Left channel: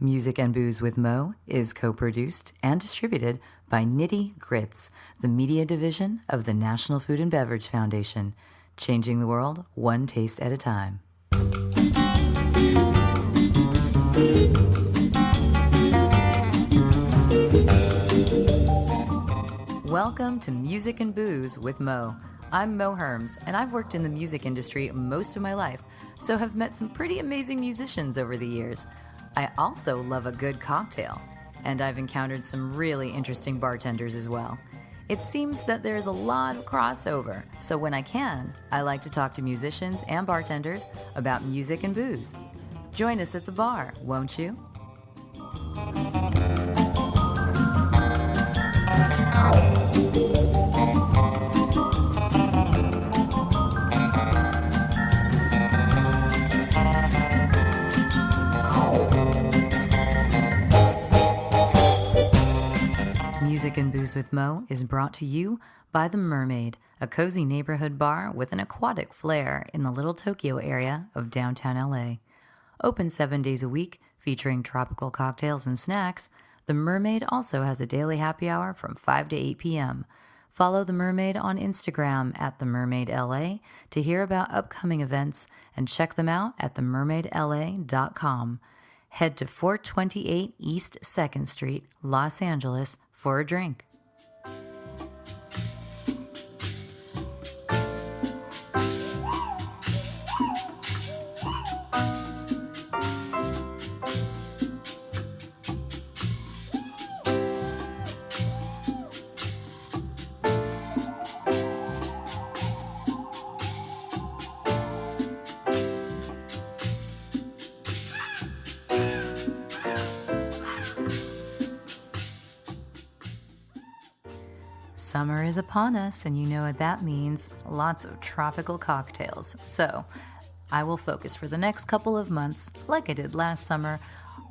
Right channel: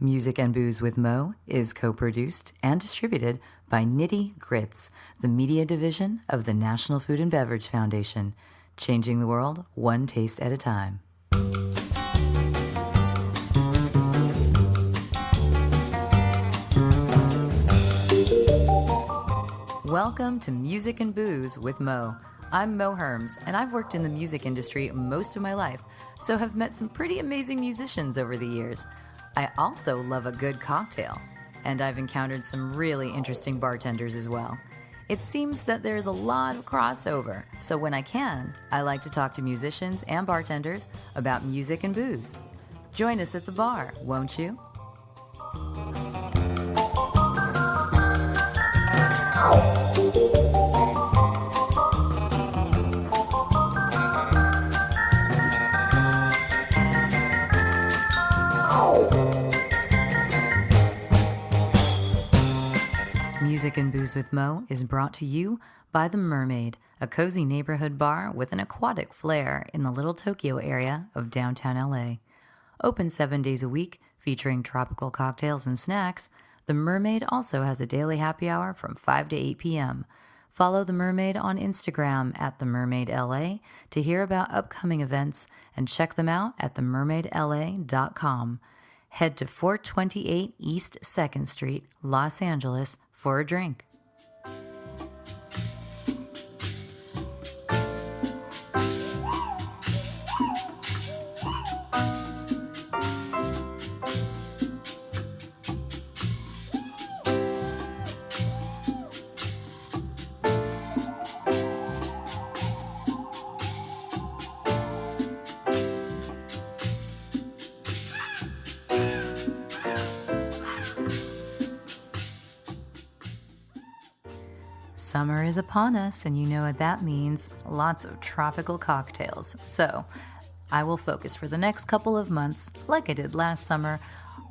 Music and Booze with Mo is co-produced and distributed by Nitty Grits, the media division of the National Food and Beverage Foundation, changing the world one taste at a time. Welcome to Music and Booze with Mo. I'm Mo Herms, and I've worked in the music industry most of my life, so have met some pretty amazing musicians over the years. I also love a good cocktail, and I've encountered some really interesting bartenders as well. It seems that there's a lot of crossover, so when I can, I like to talk to musicians and bartenders about music and booze. Join us at the bar, won't you? Music and Booze with Mo is brought to you by The Mermaid, a cozy neighborhood bar with an aquatic flair in the Little Tokyo area of downtown LA. Open 7 days a week, featuring tropical cocktails and snacks, The Mermaid also has a daily happy hour from 5 to 8 p.m. Follow The Mermaid on Instagram at TheMermaidLA to hear about upcoming events and check them out at themermaidla.com. Head to 428 East 2nd Street, Los Angeles, for a drink. Summer is upon us, and you know what that means. Lots of tropical cocktails. So I will focus for the next couple of months, like I did last summer,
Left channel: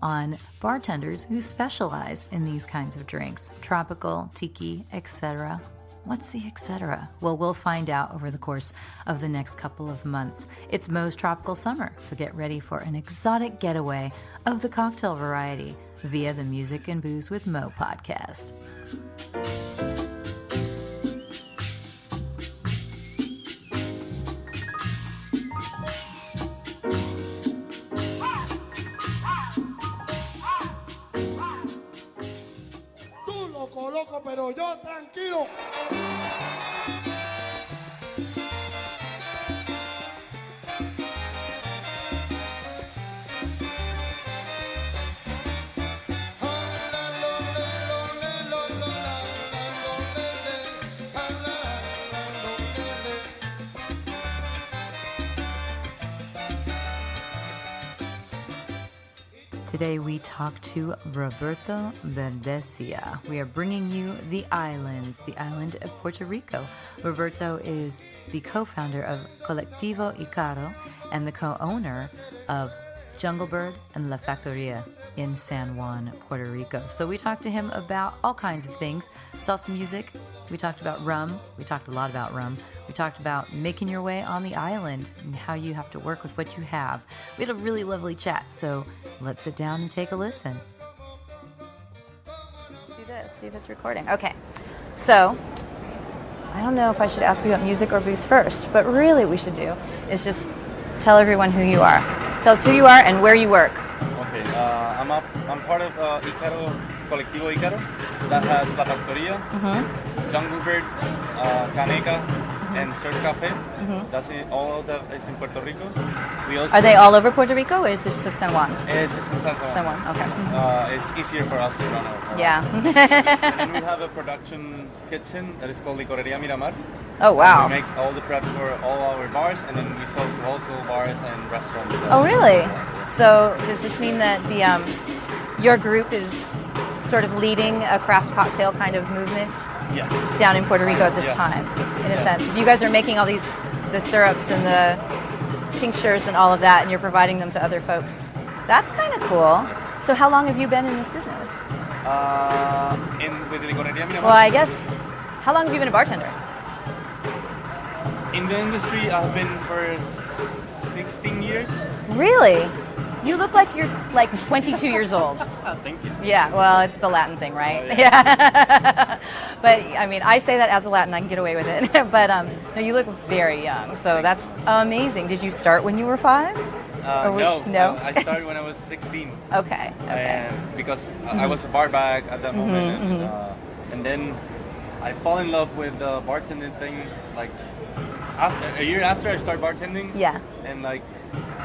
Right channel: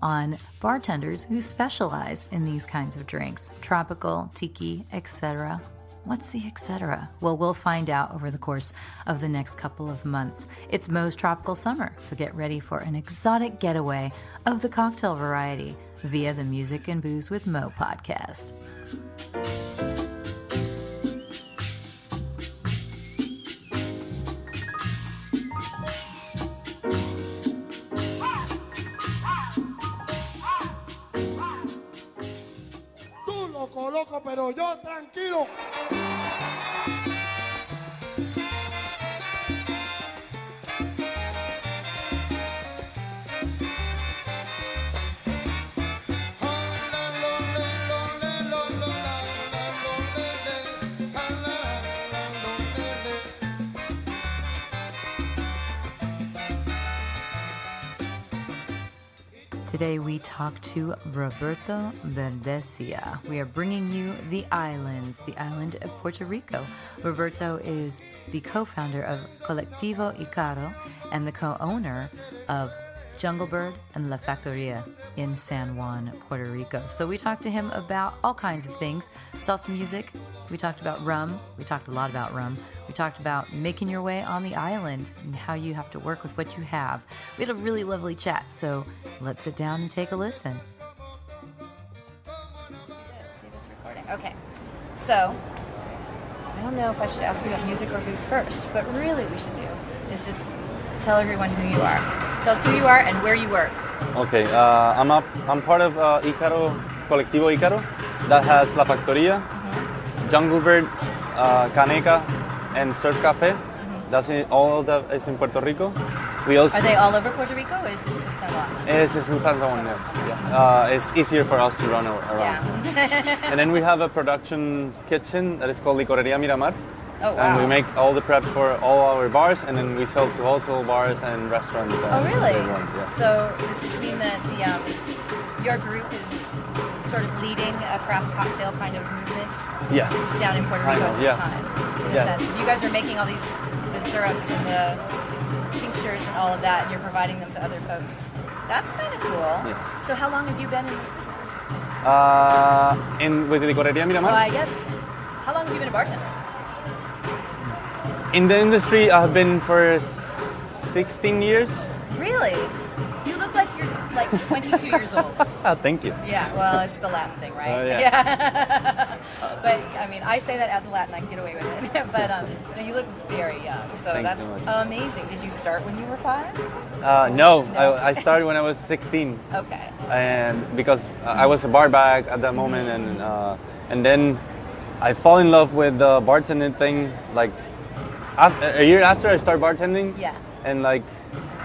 on bartenders who specialize in these kinds of drinks. Tropical, tiki, etc. What's the etc.? Well, we'll find out over the course of the next couple of months. It's Mo's Tropical Summer, so get ready for an exotic getaway of the cocktail variety via the Music and Booze with Mo podcast. Loco, pero yo tranquilo. Today we talk to Roberto Berdecia. We are bringing you the islands, the island of Puerto Rico. Roberto is the co-founder of Colectivo Icaro and the co-owner of Jungle Bird and La Factoria in San Juan, Puerto Rico. So we talked to him about all kinds of things, salsa music. We talked about rum. We talked a lot about rum. We talked about making your way on the island and how you have to work with what you have. We had a really lovely chat, so let's sit down and take a listen. Let's do this, see if it's recording. Okay, so I don't know if I should ask you about music or booze first, but really we should do is just tell everyone who you are. Tell us who you are and where you work. Okay, I'm part of Icaro, Colectivo Icaro, that has La Factoria, Jungle Bird, Caneca, and Surf Cafe. That's all of that is in Puerto Rico. We also Are they all over Puerto Rico, or is this just San Juan? It's in San Juan. San Juan, okay. It's easier for us to run around. Yeah. And then we have a production kitchen that is called Licoreria Miramar. Oh, wow. And we make all the prep for all our bars, and then we sell to wholesale bars and restaurants. Oh, really? So does this mean that your group is sort of leading a craft cocktail kind of movement down in Puerto Rico at this time, in a sense? If you guys are making all the syrups and the tinctures and all of that, and you're providing them to other folks, that's kind of cool. So how long have you been in this business? With Licoreria Miramar? Well, I guess, how long have you been a bartender? In the industry, I've been for 16 years. Really? You look like you're like 22 years old. Oh, thank you. Yeah, well, it's the Latin thing, right? Oh, yeah. But I mean, I say that as a Latin, I can get away with it. But no, you look very young, so that's amazing. Did you start when you were 5? No, no? I started when I was 16. Okay. And because I was a bar back at that moment, and then I fall in love with the bartending thing like a year after I started bartending. Yeah. And like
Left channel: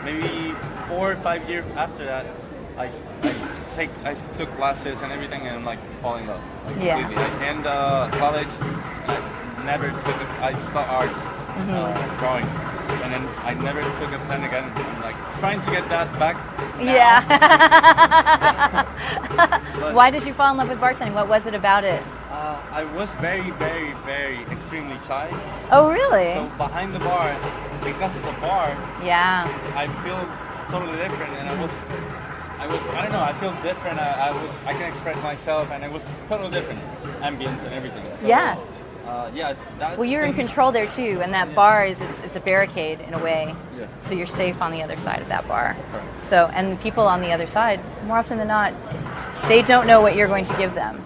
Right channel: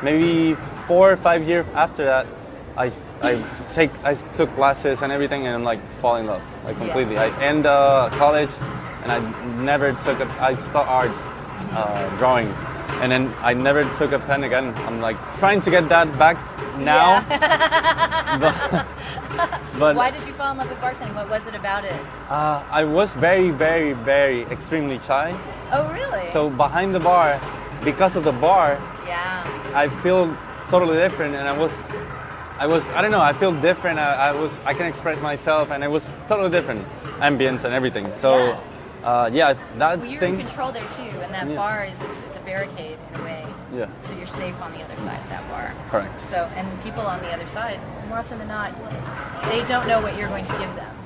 maybe 4 or 5 years after that, I took classes and everything, and like fall in love like completely. I end college, and I never took I taught arts, drawing. And then I never took a pen again. I'm like trying to get that back now. Yeah. but Why did you fall in love with bartending? What was it about it? I was very, very, very extremely shy. Oh, really? So behind the bar, because of the bar, yeah. I feel totally different. And I don't know, I feel different. I can express myself, and it was totally different ambience and everything. So. Yeah. That well, you're in control there too, and that bar is it's a barricade in a way. Yeah. So you're safe on the other side of that bar. Correct. So, and the people on the other side, more often than not, they don't know what you're going to give them,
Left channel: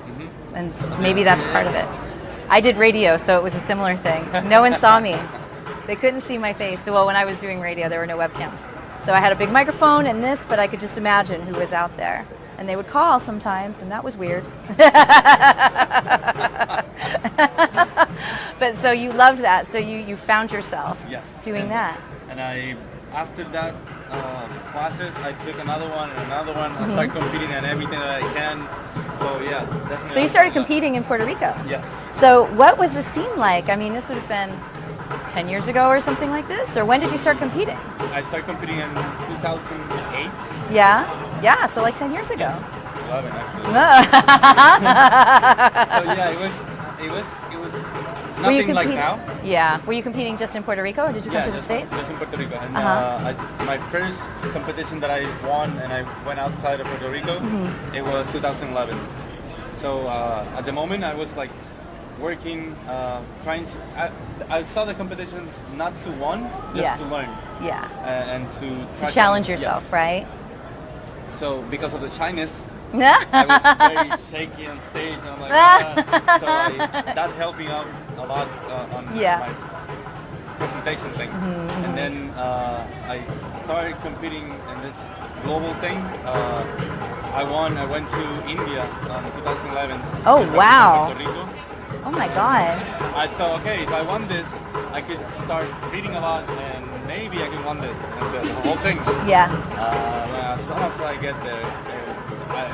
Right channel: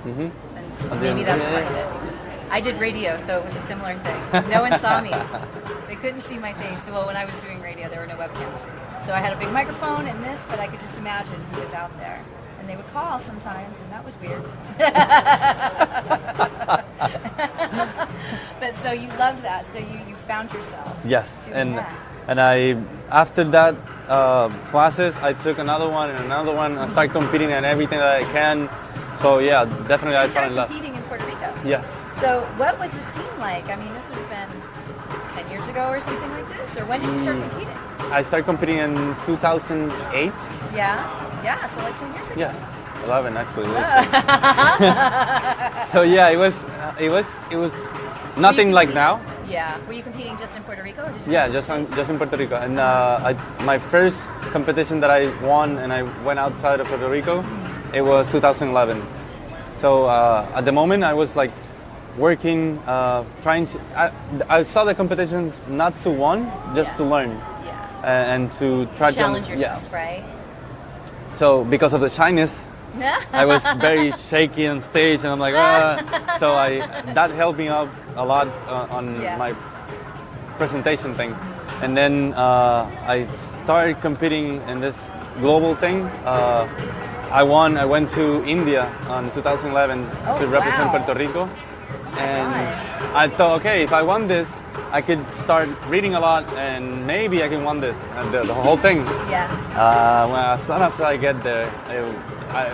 and maybe that's part of it. I did radio, so it was a similar thing. No one saw me; they couldn't see my face. So, well, when I was doing radio, there were no webcams, so I had a big microphone and this, but I could just imagine who was out there. And they would call sometimes, and that was weird. But so you loved that. So you found yourself doing that. And after that classes, I took another one and another one. I started competing at everything that I can. So yeah, definitely. So you started competing in Puerto Rico? Yes. So what was the scene like? I mean, this would have been 10 years ago or something like this? Or when did you start competing? I started competing in 2008. Yeah, so like 10 years ago. Yeah, 11 actually. So yeah, it was nothing like now. Yeah. Were you competing just in Puerto Rico, or did you Yeah, come to the States? just in Puerto Rico. And my first competition that I won, and I went outside of Puerto Rico, it was 2011. So at the moment, I was like working, trying to. I saw the competitions not to win, just to learn. Yeah. And to try to challenge yourself, right? So because of the shyness, I was very shaky on stage, and I'm like, so that helped me out a lot on my presentation thing. And then I started competing in this global thing. I won. I went to India in 2011 to represent Puerto Rico. Oh my God. I thought, okay, if I won this, I could start reading a lot, and maybe I can win this, and the whole thing. Yeah. As soon as I get there,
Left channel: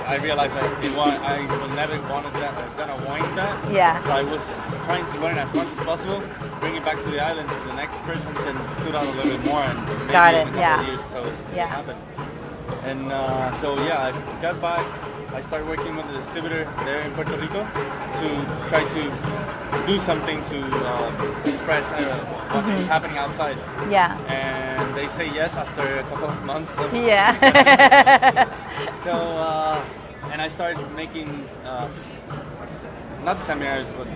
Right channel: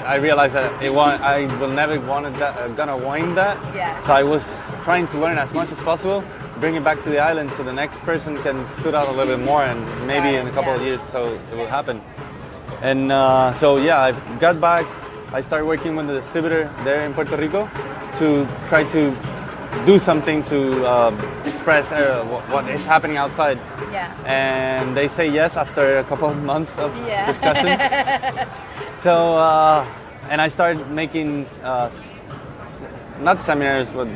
I realized that I will never gonna win that. Yeah. So I was trying to learn as much as possible, bring it back to the island, so the next person can stood out a little bit more, and maybe in a couple of years, so it will happen. And so yeah, I got back. I started working with the distributor there in Puerto Rico to try to do something to express what is happening outside. Yeah. And they say yes after a couple of months of discussion. So, and I started making, not seminars, but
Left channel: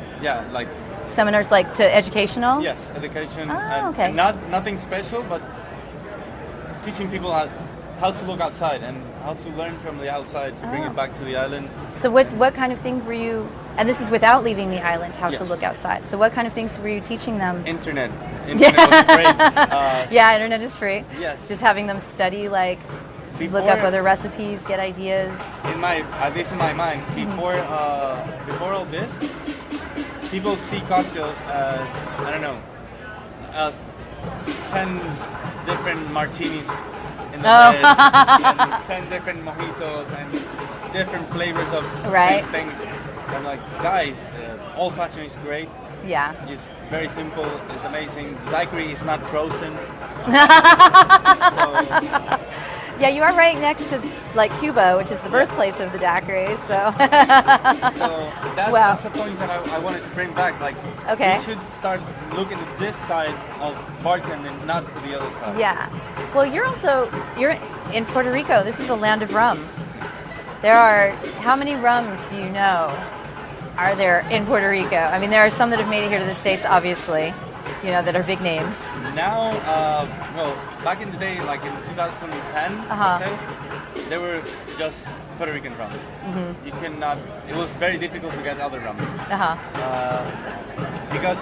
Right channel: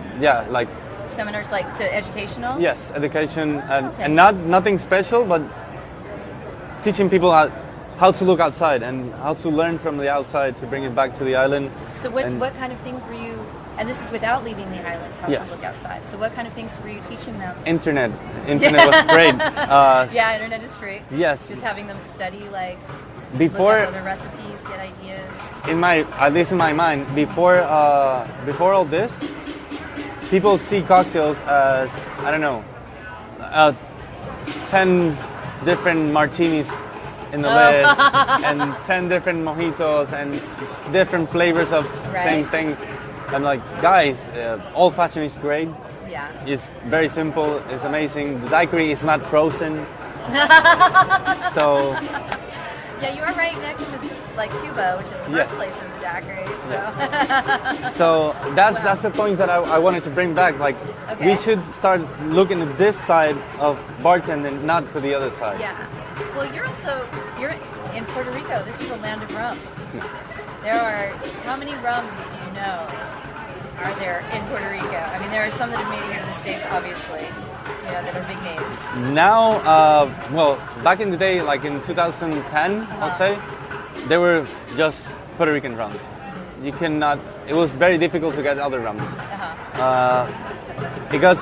like... Seminars like to educational? Yes, education. Okay. And nothing special, but teaching people how to look outside and how to learn from the outside to bring it back to the island. So what kind of thing were you, and this is without leaving the island, how to look outside. So what kind of things were you teaching them? Internet was great. Yeah, internet is free. Yes. Just having them study, like, look up other recipes, get ideas. At least in my mind, before all this, people see cocktails as, I don't know, 10 different martinis in the list, and 10 different mojitos, and different flavors of same things. I'm like, guys, old fashioned is great. Yeah. It's very simple. It's amazing. The daiquiri is not frozen. So. Yeah, you are right next to like Cuba, which is the birthplace of the daiquiri. So that's the point that I wanted to bring back. Like, we should start looking at this side of bartending, not to the other side. Yeah. Well, you're in Puerto Rico. This is a land of rum. There are, how many rums do you know are there in Puerto Rico? I mean, there are some that have made it here to the States, obviously. that are big names? Now, well, back in the day, like in 2010, I'd say, they were just Puerto Rican rums. You cannot. It was very difficult to get other rums. Because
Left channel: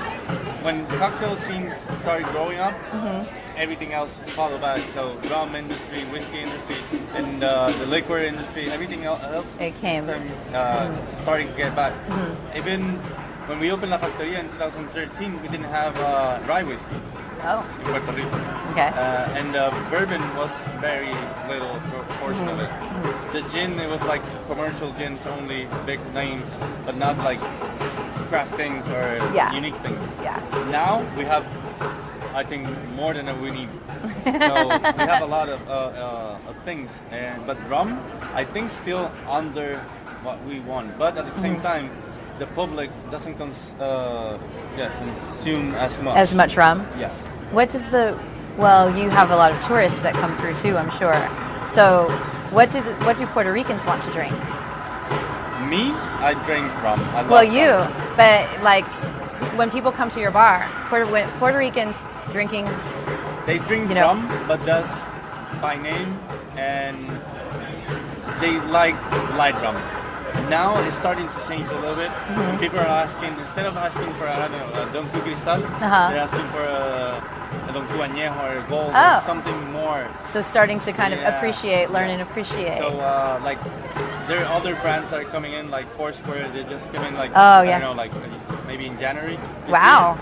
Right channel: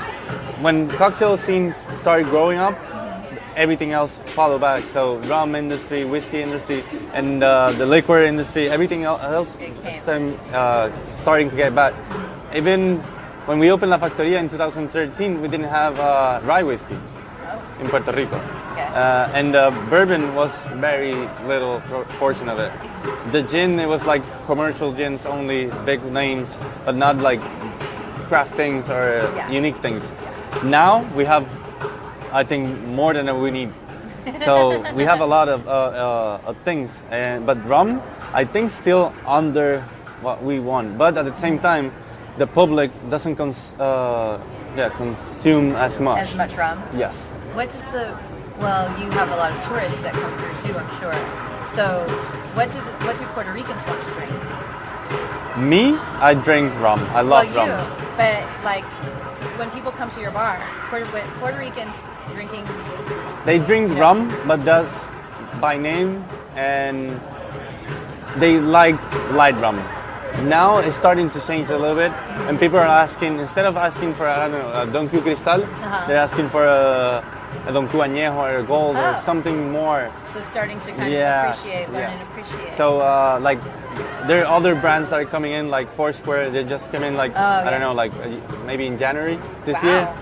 when cocktail scenes started growing up, everything else followed back. So rum industry, whiskey industry, and the liquor industry, everything else starting to get back. Even when we opened La Factoria in 2013, we didn't have rye whiskey in Puerto Rico. Okay. And bourbon was very little portion of it. The gin, it was like commercial gins, only big names, but not like craft things or unique things. Now we have, I think, more than we need. So we have a lot of things, but rum, I think, still under what we want. But at the same time, the public doesn't consume as much. As much rum? Yes. What does well, you have a lot of tourists that come through too, I'm sure. So what do Puerto Ricans want to drink? Me, I drink rum. I love rum. But like when people come to your bar, Puerto Ricans drinking. They drink rum, but that's by name, and they like light rum. Now it's starting to change a little bit, and people are asking, instead of asking for a Don Q Cristal, they're asking for a Don Q Añejo or Gold or something more. So starting to kind of learn and appreciate. So like there are other brands that are coming in, like Foursquare. They just came in like I don't know, like maybe in January this year.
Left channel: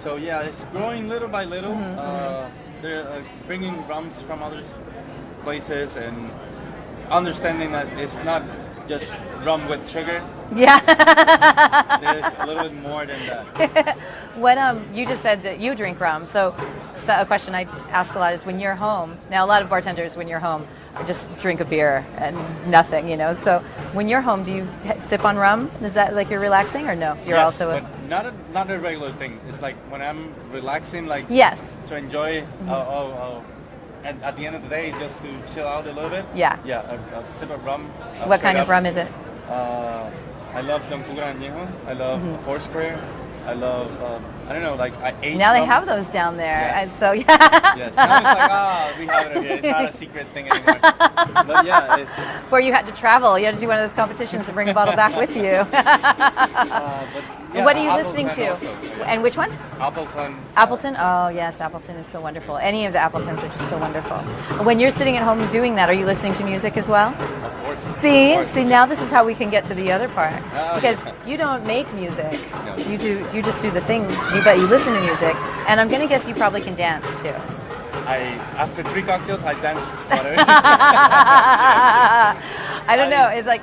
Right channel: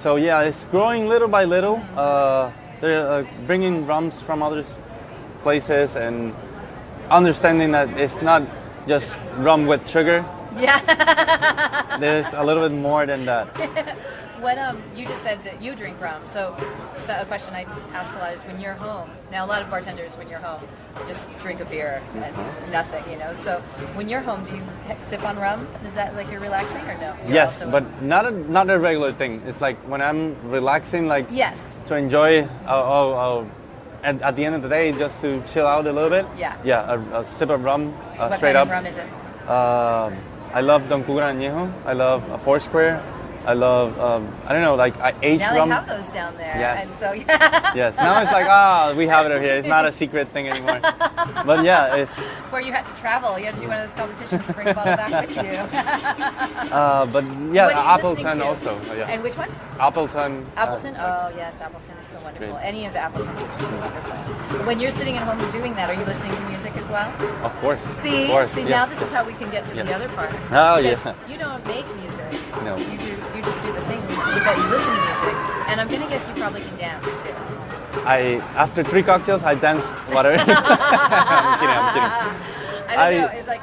So yeah, it's growing little by little. They're bringing rums from other places and understanding that it's not just rum with sugar. Yeah. There's a little bit more than that. What you just said that you drink rum. So a question I ask a lot is when you're home. Now a lot of bartenders when you're home just drink a beer and nothing, So when you're home, do you sip on rum? Is that like you're relaxing or no? You're yes, but not a regular thing. It's like when I'm relaxing, like to enjoy. At the end of the day, just to chill out a little bit. Yeah. Yeah, a sip of rum. What kind of rum is it? I love Don Q Añejo. I love Foursquare. I love, I don't know, like aged now rum. They have those down there. Yes. And so, Yes, now it's like, we have it here. It's not a secret thing anymore. But yeah, it's... Before you had to travel, you had to do one of those competitions to bring a bottle back with you. But yeah, what are you listening to? Also, And which one? Appleton. Appleton? Oh, yes, Appleton is so wonderful. Any of the Appletons are just so wonderful. When you're sitting at home and doing that, are you listening to music as well? Of course. See, now this is how we can get to the other part. Oh, because you don't make music. No. You just do the thing. You listen to music, and I'm gonna guess you probably can dance too. After 3 cocktails, I dance whatever. I don't know. It's like,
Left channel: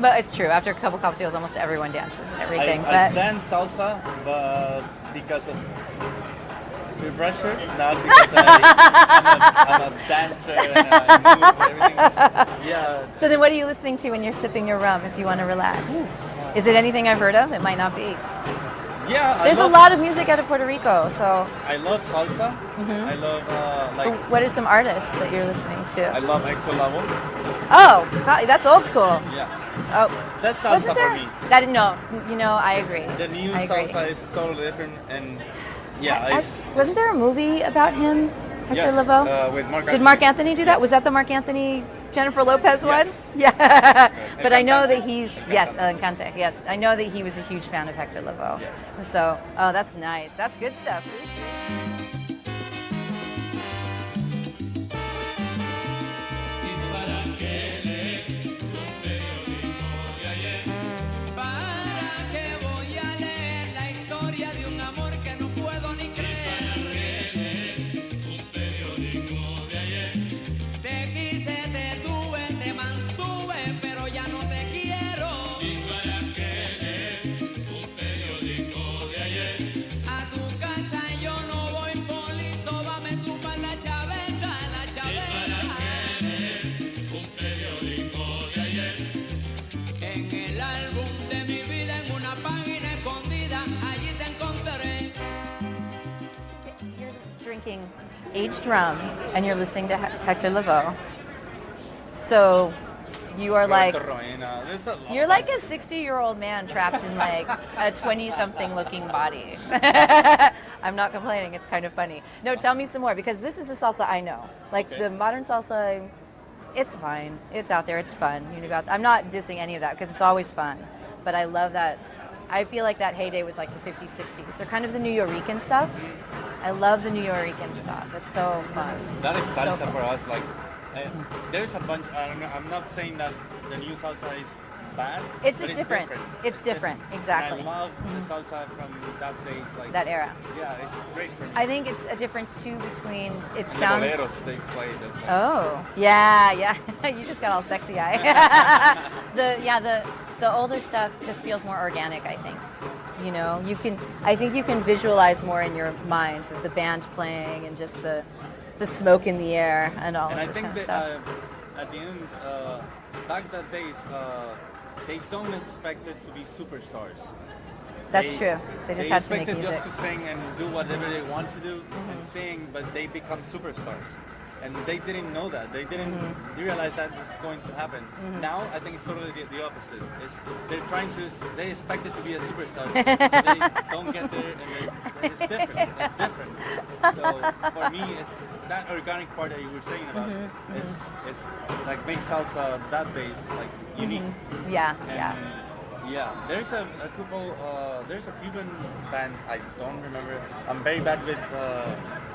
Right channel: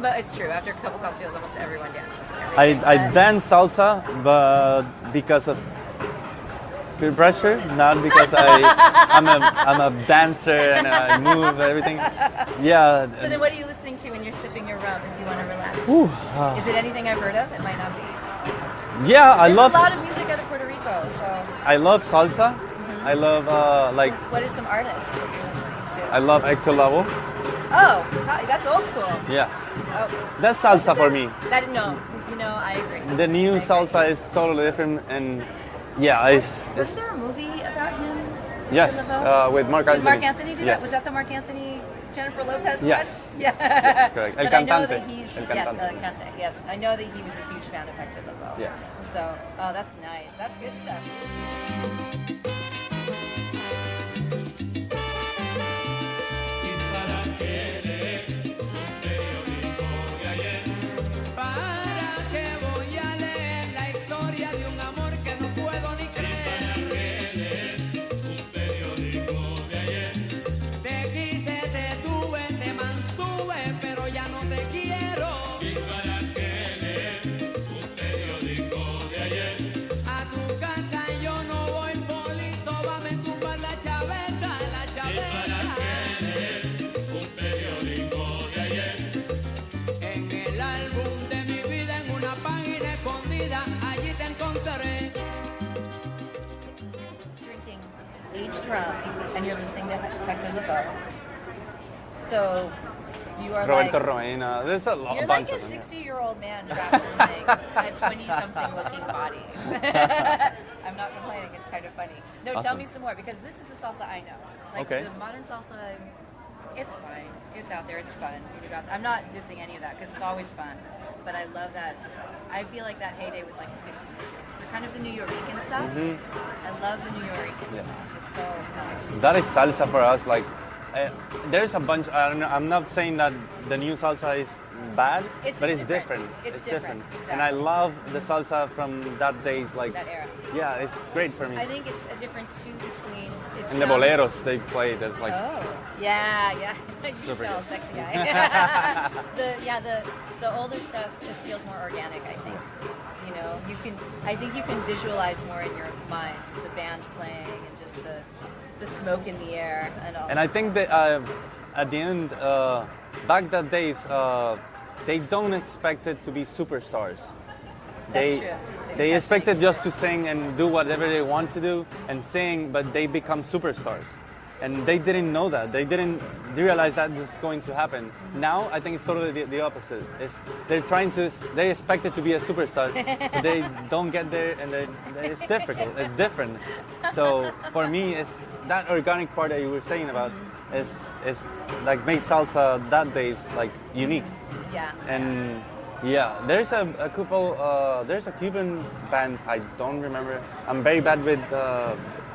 but it's true. After a couple cocktails, almost everyone dances. Everything. I dance salsa, but because of peer pressure, not because I'm a dancer and I move and everything. Yeah. So then, what are you listening to when you're sipping your rum? If you want to relax, is it anything I've heard of? It might not be. Yeah, There's a lot of music out of Puerto Rico, so. I love salsa. I love like. What are some artists that you're listening to? I love Hector Lavoe. Oh, that's old school. Yes. Oh, that's salsa for me. I agree. The new salsa is totally different, and wasn't there a movie about him? Yes, Lavoe? with Mark Anthony. Did Mark Anthony do that? Was that the Mark Anthony Jennifer Lopez one? Yeah. But I know that he's Encante. Yes, I know that he was a huge fan of Hector Lavoe. Yes. So, that's nice. That's good stuff. Aged rum, and you're listening to Hector Lavoe. So you are you're like a 60-year-old man trapped in like a 20-something looking body. I'm not complaining. It's kind of funny. No, tell Awesome. me some more, because this is the salsa I know. Like Okay. the modern salsa, it's fine. It's out there. It's fun. I'm not dissing any of that because it's always fun. But I love that. I feel like that heyday was like the 50s, 60s. So kind of the New Yorican stuff. I love the New Yorican stuff. It's so fun. That is salsa So for us. Like, there's a bunch. I don't know. I'm not saying that the new salsa is bad, It's but just it's different. different. It's different, And exactly. I love the salsa from that days. Like that era. Yeah, it's great for me. I think it's a difference too between it and sounds. the boleros they play. That's like Oh, yeah. You just got all sexy eye. the older stuff just feels more organic, I think. I think you can visualize more in your mind with the band playing and just the smoke in the air and all. And I think that at the end, back that days, they don't expect it to be superstars. That's true. They just have to expected make just to music. sing and do whatever they want to do and sing, but they become superstars. And they didn't know that. They didn't realize that was going to happen. Now, I think it's totally the opposite. They expect it to be a superstar. They don't get there, and it's different. It's different. So for me, it's that organic part that you were saying about is like make salsa that days like unique. Yeah. And yeah, there's a couple. There's a Cuban band. I don't remember. I'm very bad with.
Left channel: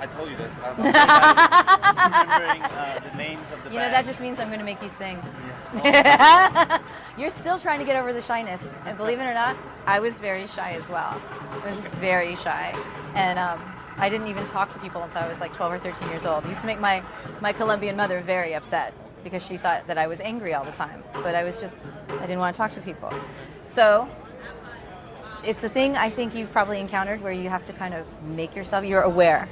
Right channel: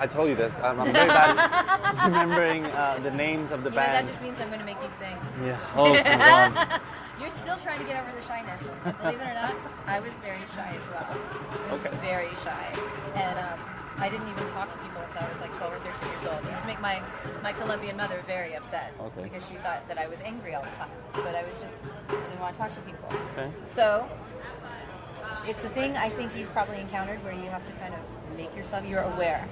I told you this. I'm very bad at remembering the names of the band. That just means I'm going to make you sing. Yeah. Oh, yeah. You're still trying to get over the shyness. And believe it or not, I was very shy as well. I was very shy. And I didn't even talk to people until I was like 12 or 13 years old. It used to make my Colombian mother very upset because she thought that I was angry all the time. But I didn't want to talk to people. Okay. So it's a thing I think you've probably encountered where you have to kind of make yourself, you're aware.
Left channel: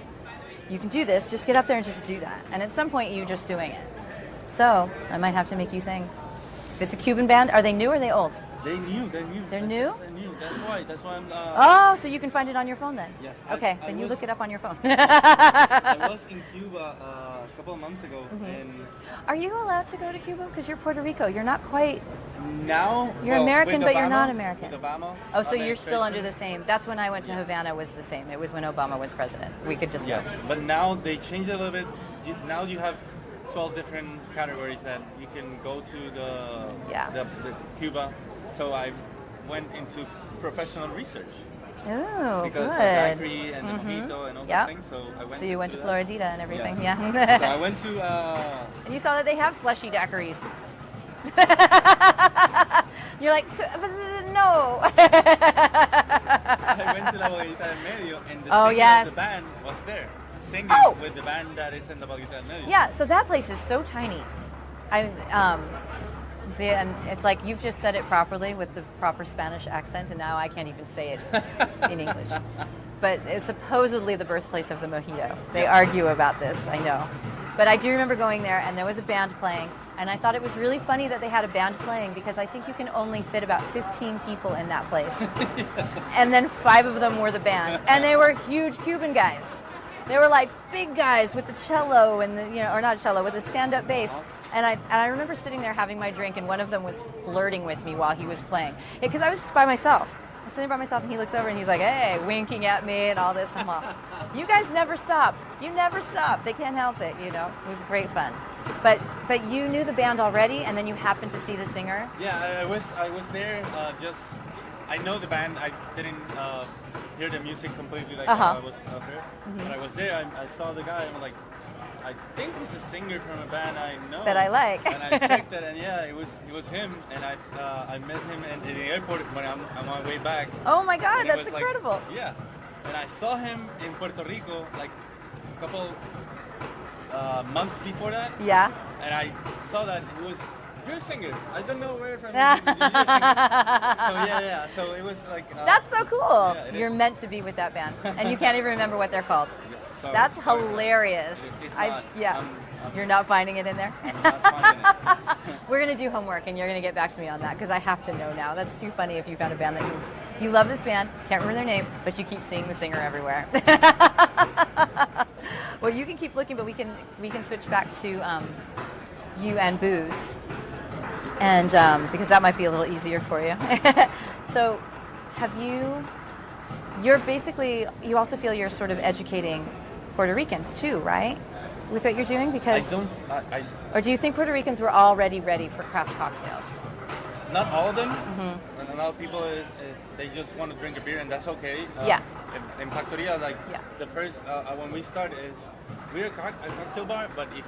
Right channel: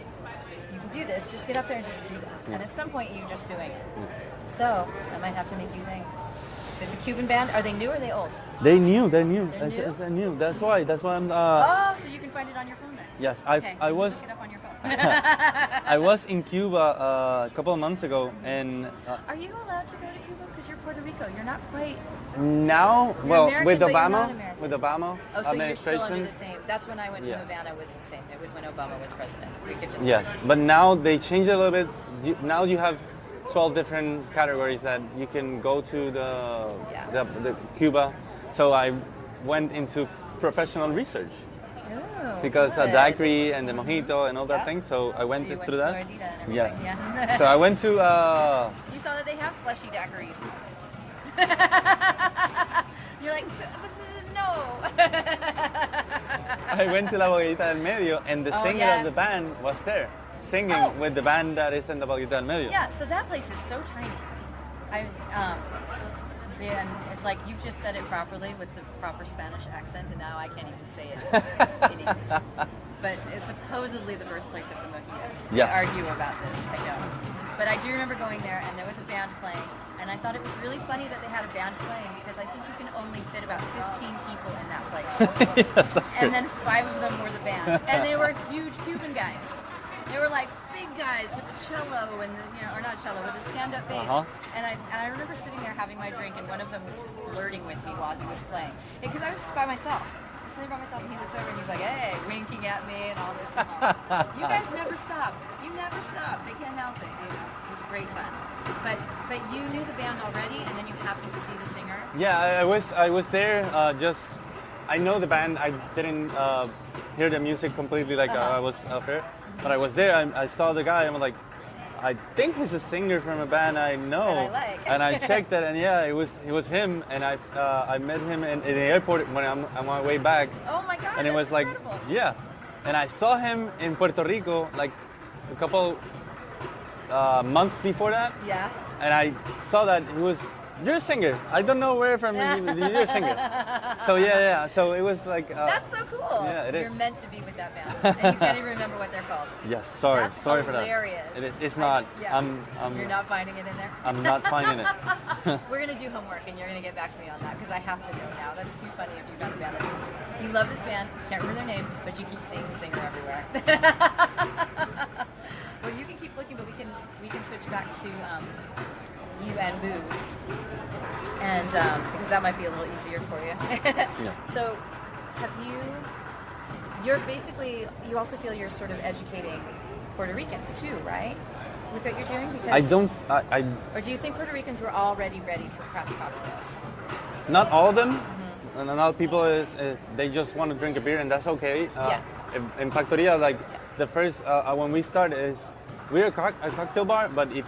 You can do this, just get up there and just do that. And at some point, you're just doing it. So I might have to make you sing. If it's a Cuban band, are they new or are they old? They're new. They're new. They're new? They're new. That's why I'm. Oh, so you can find it on your phone then? Yes, Okay, I then was. you look it up on your phone. I was in Cuba a couple of months ago, and Are you allowed to go to Cuba? Because you're Puerto Rico. You're not quite... now, You're American, with but Obama, you're not American. With Obama, Oh, so you're still under administration, the same. That's when I went to Yes. Havana was the same. It was when Obama was president. We could just... Yes, but now they changed it a little bit. Now you have 12 different categories that you can go to the Cuba. So I went into professional research Oh, because good. of daiquiri and the mojito and all that Yeah. thing. So I went So you went through to that. Floridita and everything, Yes. yeah. So I went to. And you saw that they have slushy daiquiris. You're like, no. I went to La Boguita del Medio, and the Oh, singer yes. of the band was there, singing Oh. with the band that is in La Boguita del Medio. Yeah, so that place is so tiny. See, and it's like you've just said it properly with the proper Spanish accent, and now I can't even say it in English. But it's supposedly the birthplace of the mojito. They Yes. argue about this, I know. But I do remember going there, and there was a band playing, and I thought it was really funny that they had a band playing because I think you can only fit about 15 people in that place. And then 5 of them were the band, and they were huge Cuban guys. They were like big guys with the cello and or not cello, with the stand-up bass. Uh-huh. And I remember sitting there having my drink, and one of them was flirting with me while he was playing. Because I was just by myself. I was sitting by myself, and he looks over and he's like, "Hey," winking at me and all this. I'm all, "You guys never stop. You never stop. They can't help it." It was great fun. But you knew the band already, and then you happened to see the singer. Yeah, I was there. I know the band. I didn't hear the music completely like Uh-huh. I was up there, but I was there. I saw the guy. I'm like, I think he's a singer from a band I know That I like. And I checked it, and yeah, it was him. And I met him in the airport when I'm on my way back. Oh my God, And it that's was incredible. like, yeah. And I saw him in Puerto Rico like a couple months before that. Yeah. And I saw that you're a singer. I don't know where from you're a singer. So yeah. So it was like. That's so cool. Yeah, it You're is. meant to be with that band, and you can't even remember what they're called. Yes, sorry. That's sorry for that. hilarious. It's not. Yeah. You're not finding it in there? I'm not finding it. We're going to do homework, and you're going to get back to me on that, because I have to know now. That's too funny if you found a band that you love this band, can't remember their name, but you keep seeing the singer everywhere. Well, you can keep looking, but we can switch back to you and booze, and because that might be a little easier for you. So, have you you also feel you're sort of educating Puerto Ricans too, right? With what you're doing? Because or do you think Puerto Ricans were already ready for craft cocktails? Not all of them. And a lot of people, they just want to drink a beer, and that's okay. Yeah. In Factoria, the first, when we start is, we're a cocktail bar, but if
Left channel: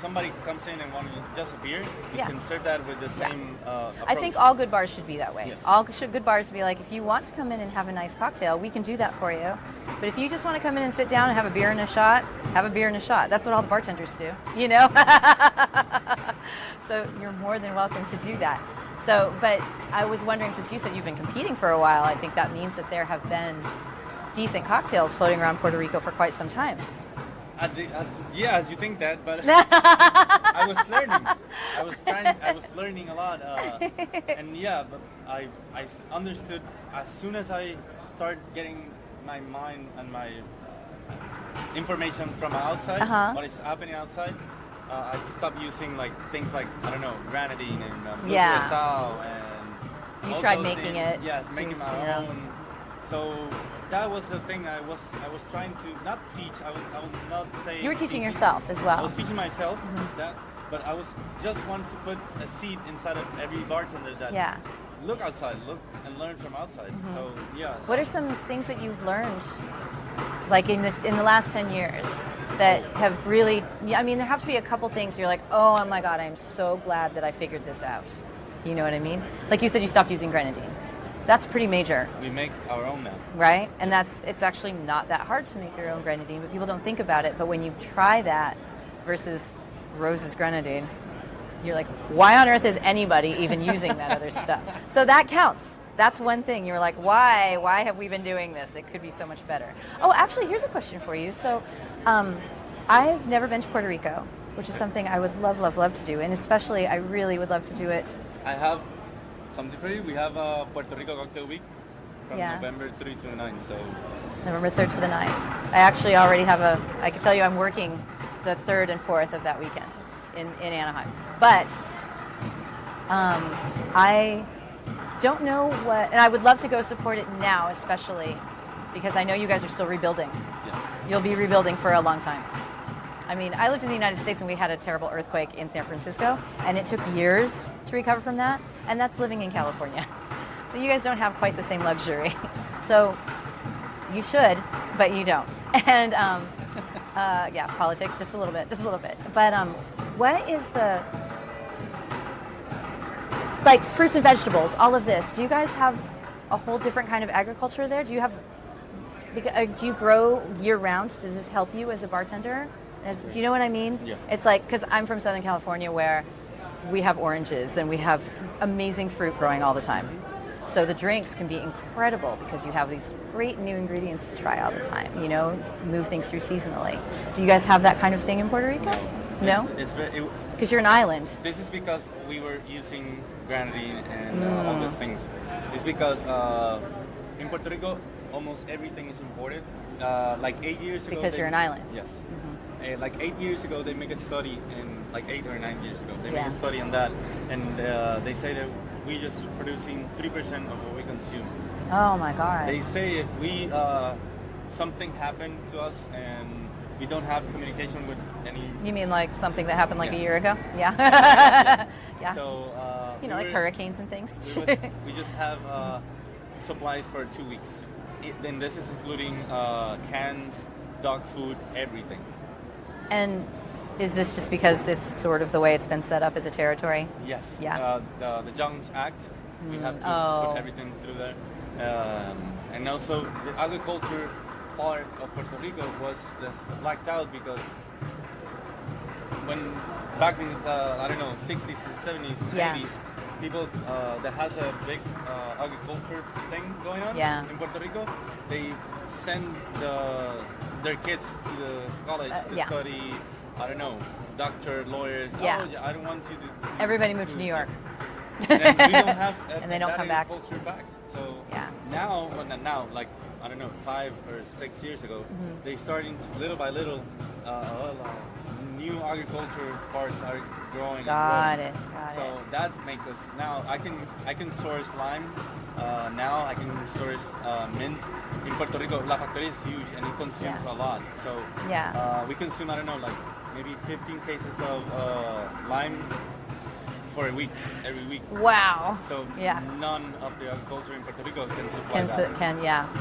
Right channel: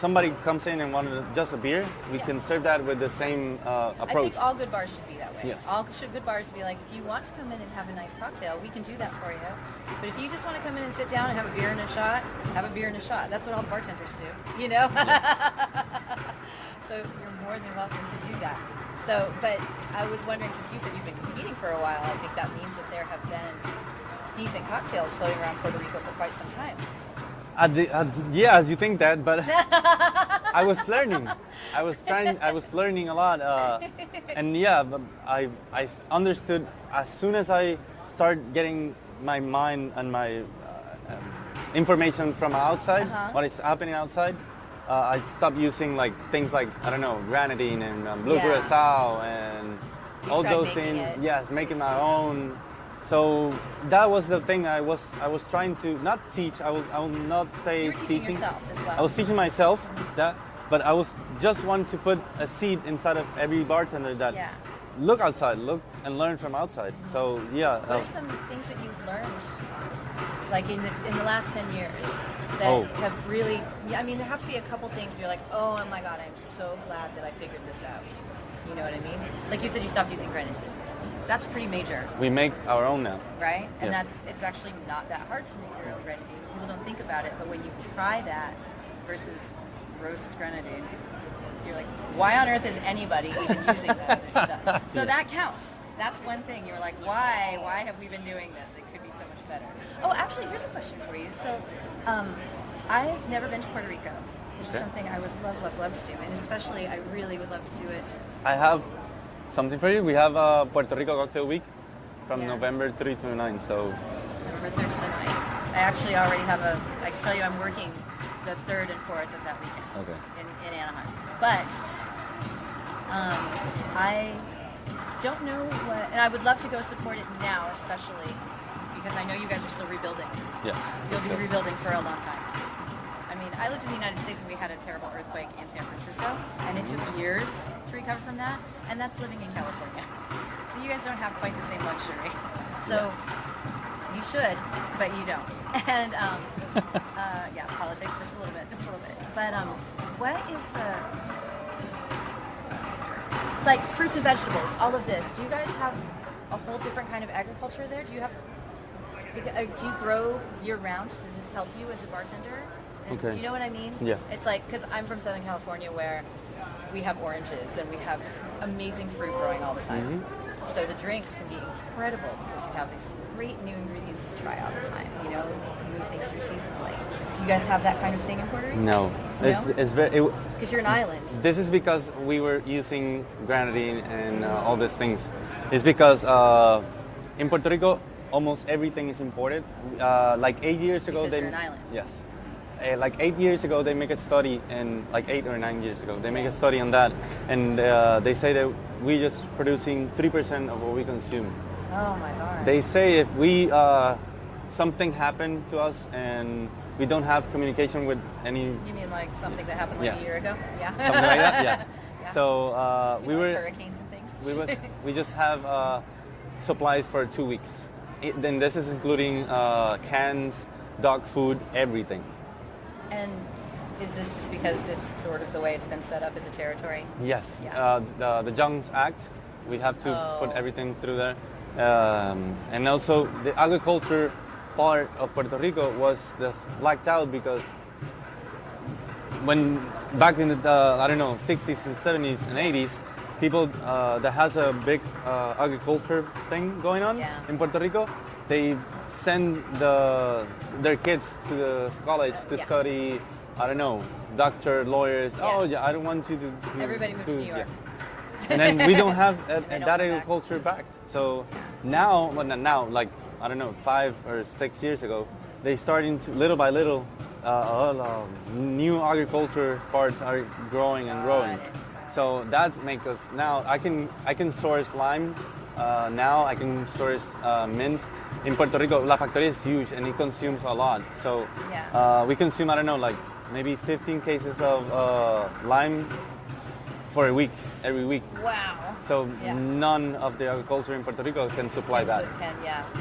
somebody comes in and wanted just a beer, we can serve that with the same approach. I think all good bars should be that way. Yes. All good bars should be like, if you want to come in and have a nice cocktail, we can do that for you. But if you just want to come in and sit down and have a beer and a shot, have a beer and a shot. That's what all the bartenders do, you know? So you're more than welcome to do that. So, but I was wondering, since you said you've been competing for a while, I think that means that there have been decent cocktails floating around Puerto Rico for quite some time. Yeah, you think that, but I was learning. I was learning a lot, and yeah, but I understood as soon as I started getting my mind and my information from outside, what is happening outside. I stopped using things like, I don't know, grenadine and blue curacao and all those things. Yes, making my own. So that was the thing I was trying to not teach. I will not say you were teaching yourself as well. I was teaching myself that, but I was just wanting to put a seed inside of every bartender that look outside, look and learn from outside. So yeah. What are some things that you've learned, like in the last 10 years, that have really? I mean, there have to be a couple things you're like, oh my God, I'm so glad that I figured this out. You know what I mean? Like you said, you stopped using grenadine. That's pretty major. We make our own now. Right? And it's actually not that hard to make your own grenadine, but people don't think about it. But when you try that versus Rose's grenadine, you're like, why on earth is anybody even using that other stuff? So that counts. That's one thing. You're like, why? Why have we been doing this? It could be so much better. Oh, actually, here's a question for you. So I've never been to Puerto Rico, which is something I would love, love, love to do. And especially, I really would love to do it. I have something for you. We have Puerto Rico Cocktail Week from November 3 to the 9th. So November 3rd to the 9th. I actually already have I can tell you I'm working the 3rd and 4th of that weekend in Anaheim. But I don't know what, and I would love to go support it now, especially because I know you guys are still rebuilding. Yes. You'll be rebuilding for a long time. I mean, I lived in the United States and we had a terrible earthquake in San Francisco, and it took years to recover from that, and that's living in California. So you guys don't have quite the same luxury. So you should, but you don't. And politics, just a little bit. But what is the, like fruits and vegetables, all of this, do you guys have a whole different kind of agriculture there? Do you grow year round? Does this help you as a bartender? Do you know what I mean? Yeah. It's like, because I'm from Southern California where we have oranges and we have amazing fruit growing all the time. Mm-hmm. So the drinks can be incredible because you have these great new ingredients to try all the time, you know, move things through seasonally. Do you guys have that kind of thing in Puerto Rico? No. No? It's very... Because you're an island. This is because we were using grenadine and all these things. It's because in Puerto Rico, almost everything is imported. Like 8 years ago... Because you're an island. Yes. Like 8 years ago, they make a study, and like 8 or 9 years ago, they make a study on that, and they say that we're just producing 3% of what we consume. Oh my God. They say if we something happened to us and we don't have communication with any. You mean like something that happened like a year ago? Yeah. Something like that, Yeah. So like hurricanes and things. we just have supplies for 2 weeks. Then this is including cans, dog food, everything. And is this just because it's sort of the way it's been set up as a territory? Yes. Yeah. The Jones Act, we have to put everything through there. And also the agriculture part of Puerto Rico was just blacked out because when back in the, 60s and 70s and 80s, people that has a big agriculture thing going on in Puerto Rico, they send their kids to the college to study, doctor, lawyers. Yeah. I don't want you to... Everybody moved to New York. And then we don't have that agriculture back. So now, well, not now, like, 5 or 6 years ago, they starting to, little by little, new agriculture parts are growing and growing. Got it. So that makes us, now I can source lime now I can source mint. In Puerto Rico, La Factoria is huge and it consumes a lot. So we consume, I don't know, like maybe 15 cases of lime for a week, every week. Wow. So none of the agriculture in Puerto Rico can supply that.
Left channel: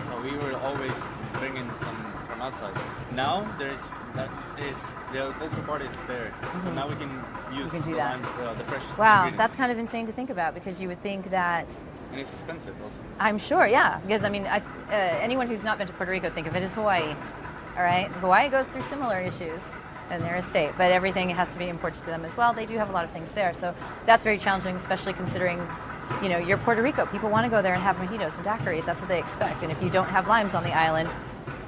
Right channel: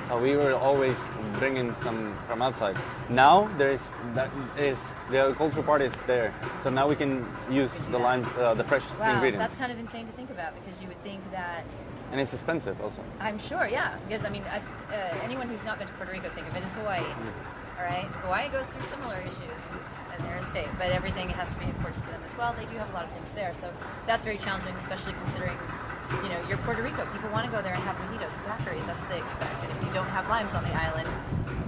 So we were always bringing some from outside. Now the agricultural part is there. So now we can use the lime, the fresh ingredients. That's kind of insane to think about because you would think that. And it's expensive also. I'm sure, yeah. Because I mean, anyone who's not been to Puerto Rico, think of it as Hawaii. All right, Hawaii goes through similar issues in their estate, but everything has to be imported to them as well. They do have a lot of things there, so that's very challenging, especially considering, you know, you're Puerto Rico. People want to go there and have mojitos and daiquiris. That's what they expect. And if you don't have limes on the island,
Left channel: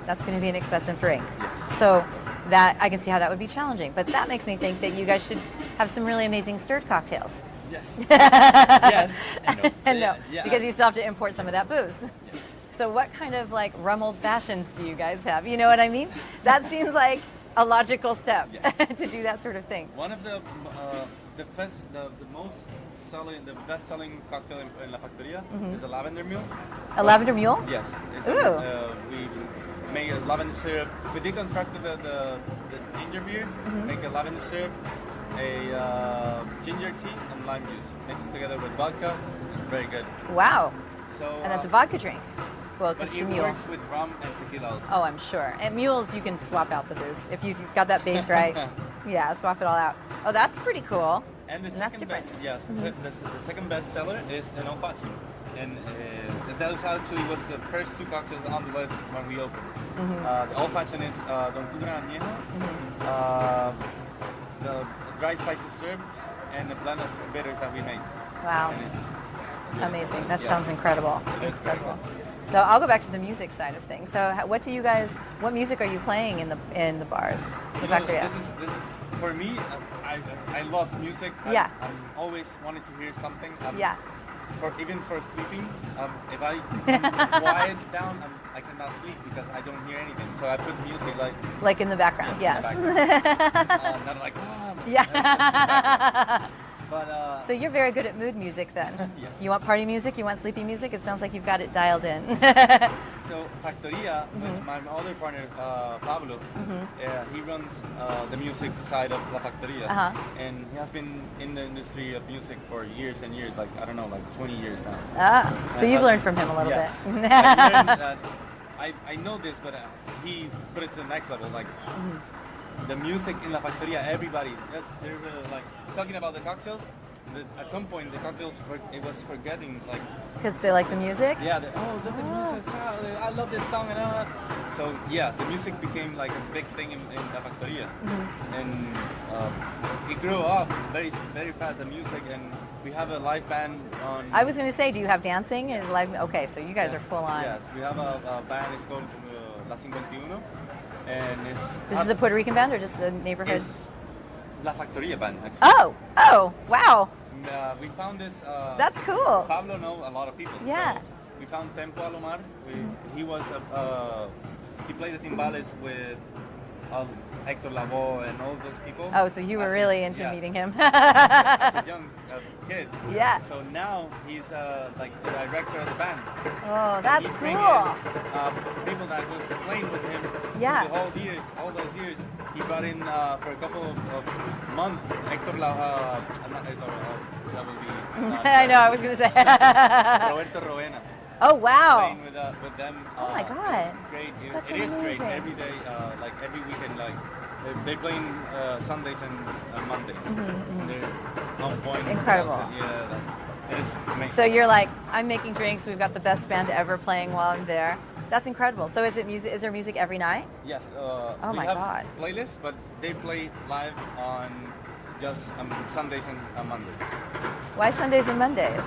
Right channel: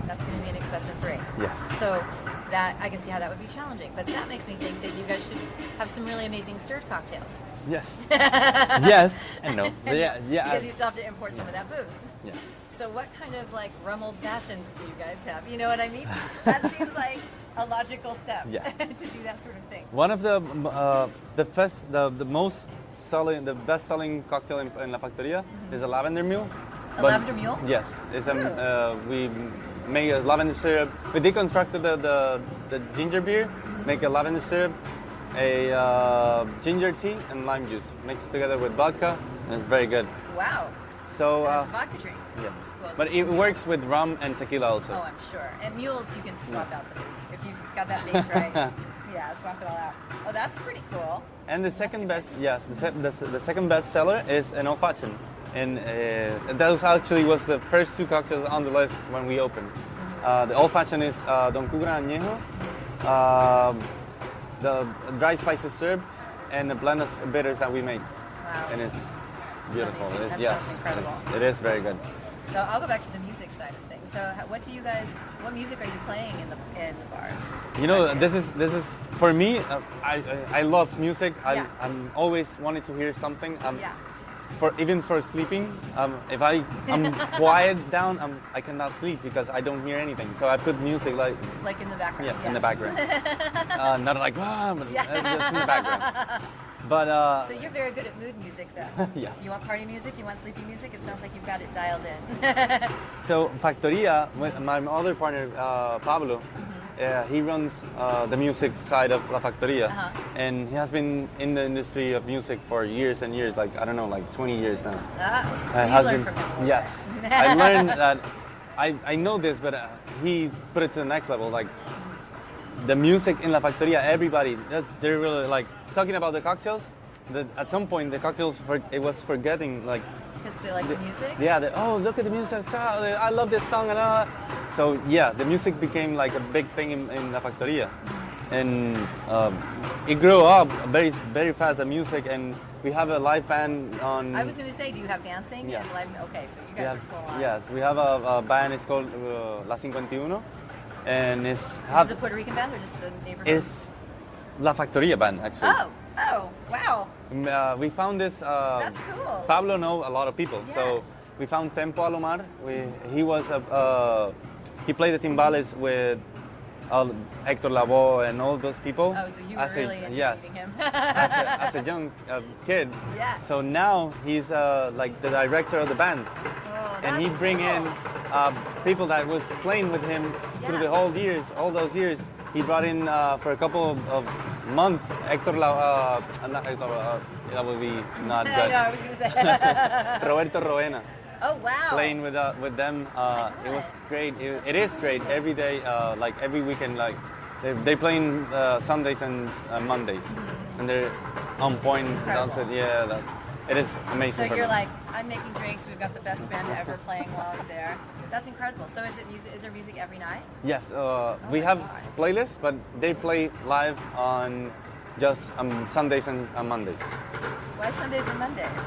that's going to be an expensive drink. Yes. So that I can see how that would be challenging. But that makes me think that you guys should have some really amazing stirred cocktails. Yes. Yes. I know. Yeah. Because you still have to import some of that booze. Yeah. So what kind of like rum old fashions do you guys have? You know what I mean? That seems like a logical step to do that sort of thing. One of the best selling cocktail in La Factoria is a lavender mule. Lavender mule? Yes. It's we make a lavender syrup. We deconstructed the ginger beer, make a lavender syrup, a ginger tea, and lime juice. Mix it together with vodka, and it's very good. Wow. So and it's a vodka drink. Yes. Well, but it works with rum and tequila also. Oh, I'm sure. And mules, you can swap out the booze. If you've got that base right, swap it all out. Oh, that's pretty cool. And the second best, the second best seller is an old fashioned. And that was was the first two cocktails on the list when we opened. The old fashioned is Don Cugra Añejo, the dry spices syrup, and the blend of bitters that we make. Wow. And it's beautiful. Amazing. That sounds incredible. It is very good. So I'll go back to the music side of things. So what music are you playing in the bars? You know, this is for me. I love music. Yeah. I'm always wanting to hear something. Even for sleeping, if I'm quiet down, I cannot sleep because I don't hear anything. So I put music like in the background. In the background. Not like just in the background. But so you're very good at mood music then. Yes. You want party music? You want sleepy music? It sounds like you've got it dialed in. So Factoria, with my other partner Pablo, he runs the music side of La Factoria, and he has been in the industry of music for years and years, like 20 years now. So you've learned from him a little bit. I learned that. I know this, but he put it to the next level. Like the music in La Factoria, everybody, they're really like talking about the cocktails. At some point, the cocktails it was forgetting like. Because they like the music? Yeah, look at the music, I love this song. So yeah, the music became like a big thing in La Factoria. And it grew up very, very fast, the music, and we have a live band on... I was going to say, do you have dancing and live... Okay, so you guys are full on. Yes, we have a band, it's called La 51, and it's... This is a Puerto Rican band or just a neighborhood? It's La Factoria band, actually. Oh, wow. We found this... That's cool. Pablo knows a lot of people. Yeah. So we found Tempo Alomar. He played the timbales with Hector Lavoe and all those people. Oh, so you were really into meeting him. as a young kid. Yeah. So now he's like the director of the band. Oh, that's and he bring in people that was playing with him through all those years. He brought in for a couple of months Hector Lavoe, not Hector, that would be not. I know, I was going to say. Roberto Roena. Oh, wow. Playing with them, it was great. It is great every day, like every weekend. Like they playing Sundays and Mondays, and they're on point. Incredible. It is amazing. So you're like, I'm making drinks. We've got the best band ever playing while I'm there. That's incredible. So is it music? Is there music every night? Yes. We have playlists, but they play live on just Sundays and Mondays. Why Sundays and Mondays?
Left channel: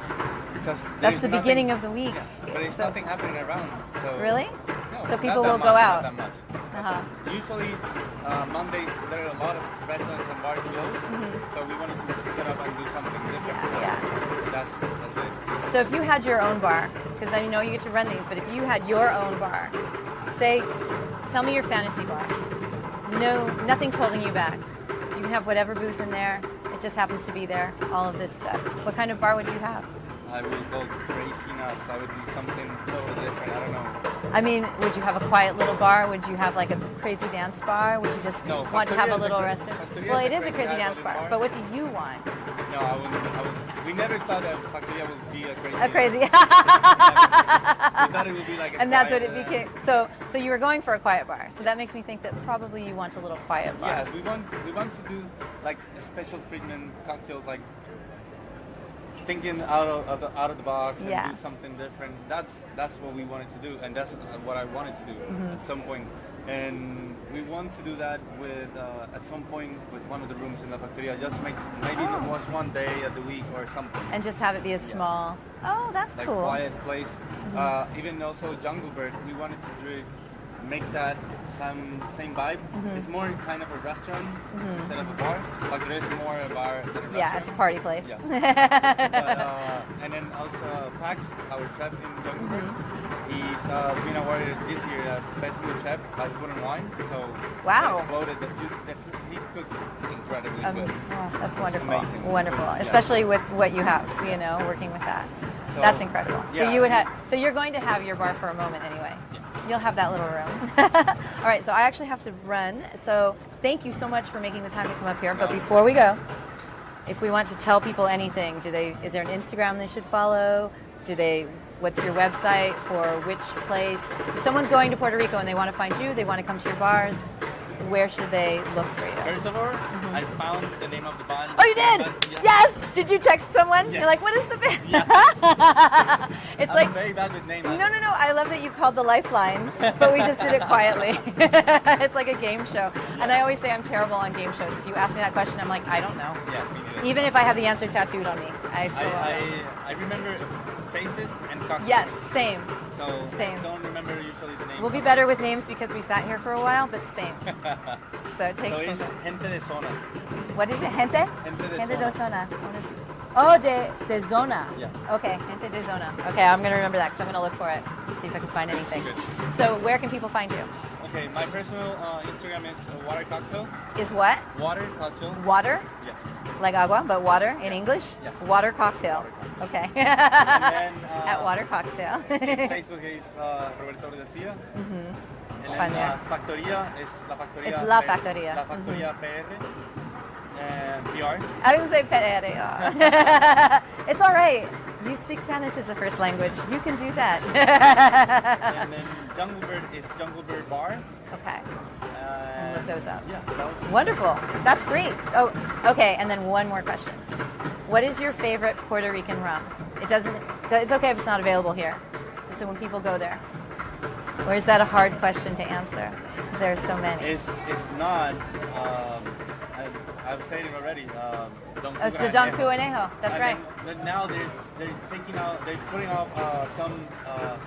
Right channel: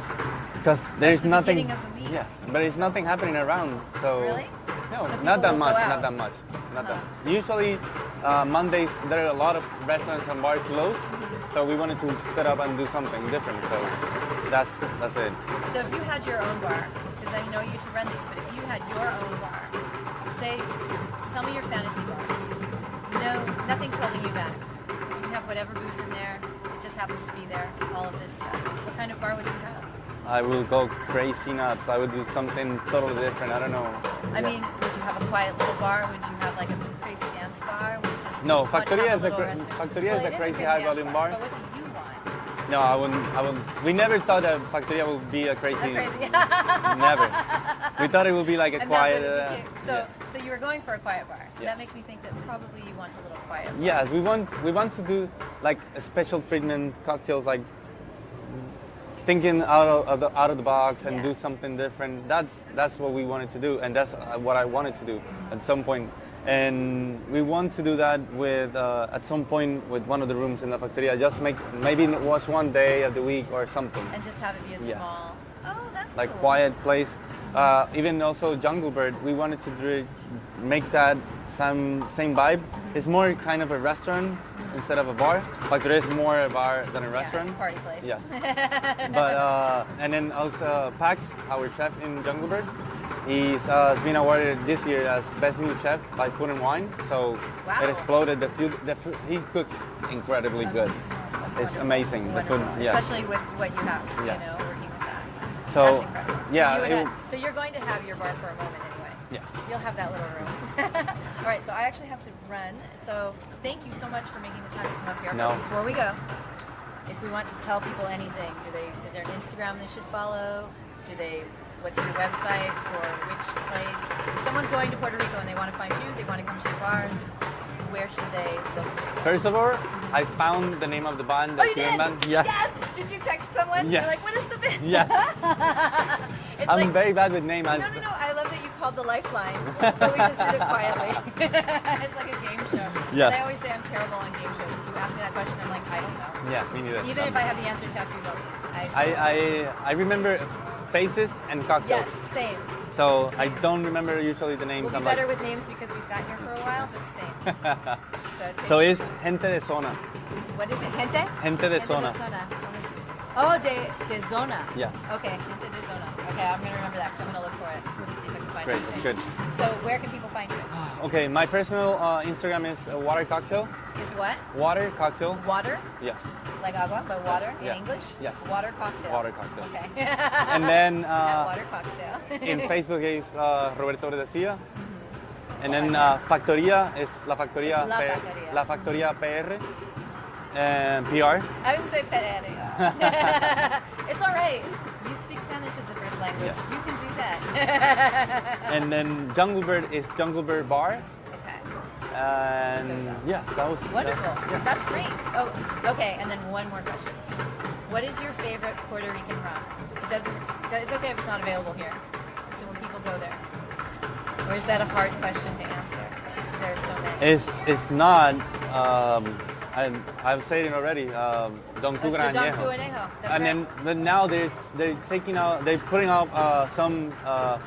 Because that's the beginning of the week. Yes, but it's nothing happening around. So really? No, so people not that will much. Go out. Not that much. Usually Mondays there are a lot of restaurants and bars closed, so we wanted to set up and do something different. So that's it. So if you had your own bar, because I know you get to run these, but if you had your own bar, tell me your fantasy bar. No, nothing's holding you back. You can have whatever booze in there. It just happens to be there. All of this stuff. What kind of bar would you have? I will go crazy nuts. I would do something totally different. I don't know. I mean, would you have a quiet little bar? Would you have like a crazy dance bar? Would you just No, want to Factoria have a is little a restaurant? Factoria Well, is it a is a crazy crazy high dance volume bar. bar. But what do you want? No, I wouldn't. We never thought that Factoria would be a crazy. A crazy. Never. We thought it would be like a And quiet. that's what it became. So you were going for a quiet bar. So that makes me think that probably you want a little quiet bar. Yeah, we want to do like a special treatment cocktails, like thinking out of the box and Yeah. do something different. That's what we wanted to do, and that's what I wanted to do at some point. And we want to do that with at some point with one of the rooms in the Factoria. Just make maybe once one day of the week or something. And just have it be a Yes. small. Oh, that's Like cool. quiet place. Even also Jungle Bird, we wanted to make that same vibe. It's more kind of a restaurant instead of a bar. Like there is more a bar than a Yeah, restaurant. it's a party place. Yes. But and then also Pax, our chef in Jungle Bird, he's been awarded this year as best new chef by Food and Wine. So Wow. it exploded. The food he cooks incredibly good. Oh, that's It's wonderful. amazing, the Wonderful, food, yeah. especially with what you have. You Yes. know, working with that. So, That's incredible. yeah, so you would it- have. So you're going to have your bar for a moment anyway. Yeah. You'll have that little room. All right. So I actually have to run. So thank you so much for making the time to come up here. But No. before we go, if we want to tell people anything, is there an Instagram they should follow? What's your website for which place? If someone's going to Puerto Rico and they want to find you, they want to come to your bars, where should they look for you? First of all, I found the name of the band. Oh, you did? Band. Yes. Yes! Did you text someone? Yes. You're like, what is the band? Yes. It's I'm like, very bad with names. no. I love that you called the Lifeline, but we just did it quietly. It's like a game show. Yeah. And I always say I'm terrible on game shows. If you ask me that question, I'm like, I don't know. Yeah, me neither. Even if I have the answer tattooed on me. I still don't know. I remember faces and cocktails. Yes, same. So Same. I don't remember usually the names. We'll be of better like- with names because we sat here for a while, but same. So it takes So it's gente de zona. What is it? Gente? Gente de zona. zona. Oh, de zona. Yeah. Okay, gente de zona. Okay, I'm going to remember that because I'm going to look for it. See if I can find Great, anything. good. So where can people find you? Okay, my personal Instagram is water cocktail. Is what? Water cocktail. Water? Yes. Like agua, but water in Yeah. English? Yes. Water cocktail. Water cocktail. Okay. And then At water cocktail. in Facebook is Roberto Berdecia. And Find then that. Factoria is La Factoria. It's La Factoria. La Factoria PR. PR. I didn't say pereira. It's all right. You speak Spanish as a first language. You can do that. And then Jungle Bird is Jungle Bird Bar. Okay. And Those up. yeah, that was Wonderful. That's great. Oh, okay. And then one more question. What is your favorite Puerto Rican rum? It's okay if it's not available here. So when people go there. Or is that a hard question to answer? There are so many. It's not. I've said it already. Don It's the Cucarañejo. Don Cucarañejo. That's And right. then but now they're putting out some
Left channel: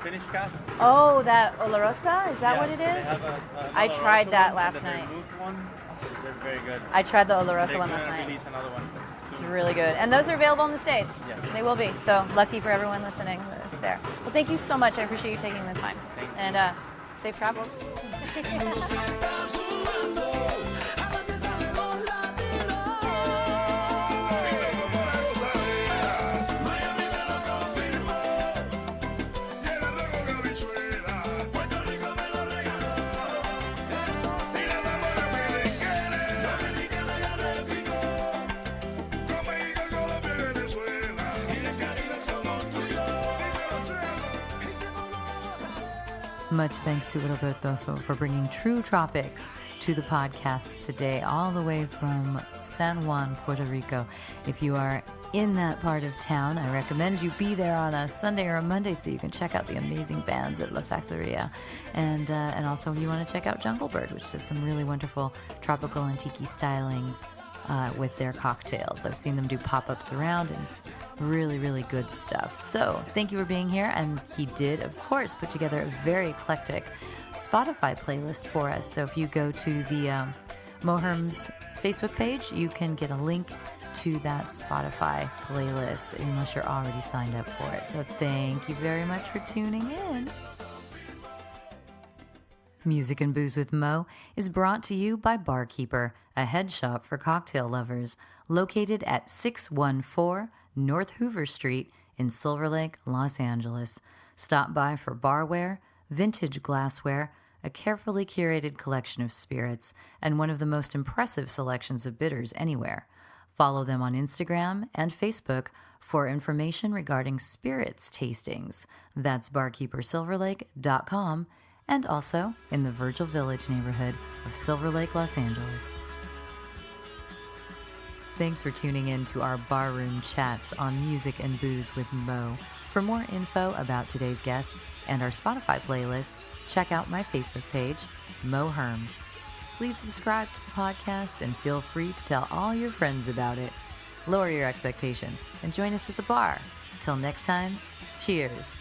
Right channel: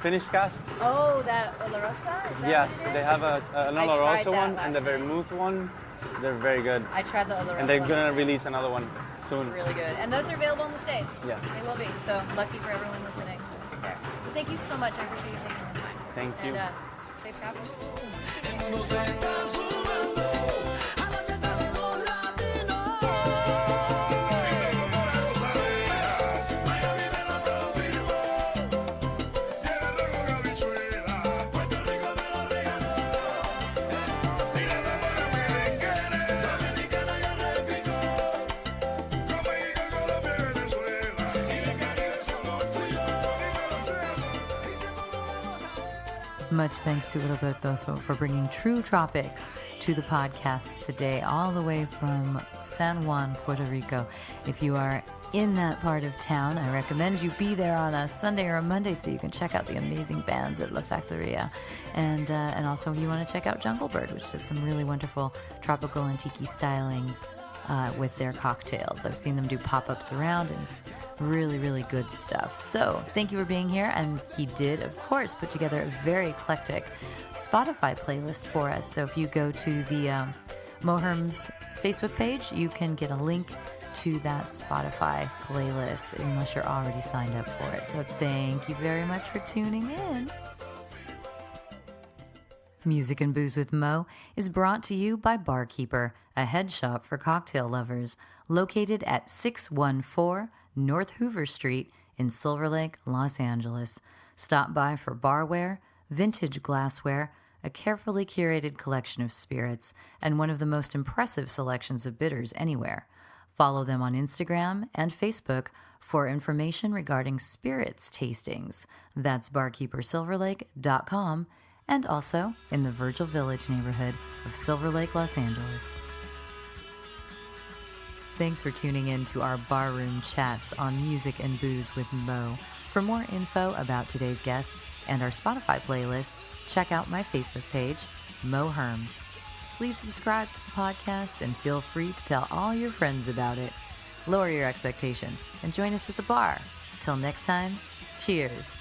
finished cast. Oh, that Olorosa? Is that Yes, what it is? they have an I tried Oloroso that one last and the night. vermouth one. They're very good. I tried the Olorosa And they're one last gonna night. release another one soon. Really good. And those are available in the States. Yes. They will be. So lucky for everyone listening there. But thank you so much. I appreciate you taking the time. Thank you. And safe travels. El mundo se está sumando a la fiesta de los latinos. Pisando por la gozadera, Miami me lo confirmó. Y el arroz con habichuela, Puerto Rico me lo regaló. Y la tambora merenguera, dominicana ya replicó. Con México, Colombia y Venezuela. Y el Caribe somos tú y yo. Dímelo, Chema. Hicimos una gozadera. Much thanks to Roberto for bringing true tropics to the podcast today, all the way from San Juan, Puerto Rico. If you are in that part of town, I recommend you be there on a Sunday or a Monday so you can check out the amazing bands at La Factoria. And also you want to check out Jungle Bird, which does some really wonderful tropical and tiki stylings with their cocktails. I've seen them do pop-ups around, and it's really, really good stuff. So thank you for being here. And he did, of course, put together a very eclectic Spotify playlist for us. So if you go to the Moherm's Facebook page, you can get a link to that Spotify playlist unless you're already signed up for it. So thank you very much for tuning in. Music and Booze with Mo is brought to you by Barkeeper, a head shop for cocktail lovers, located at 614 North Hoover Street in Silver Lake, Los Angeles. Stop by for barware, vintage glassware, a carefully curated collection of spirits, and one of the most impressive selections of bitters anywhere. Follow them on Instagram and Facebook for information regarding spirits tastings. That's barkeepersilverlake.com, and also in the Virgil Village neighborhood of Silver Lake, Los Angeles. Thanks for tuning in to our barroom chats on Music and Booze with Mo. For more info about today's guests and our Spotify playlist, check out my Facebook page, Mo Herms. Please subscribe to the podcast and feel free to tell all your friends about it. Lower your expectations and join us at the bar. Till next time, cheers.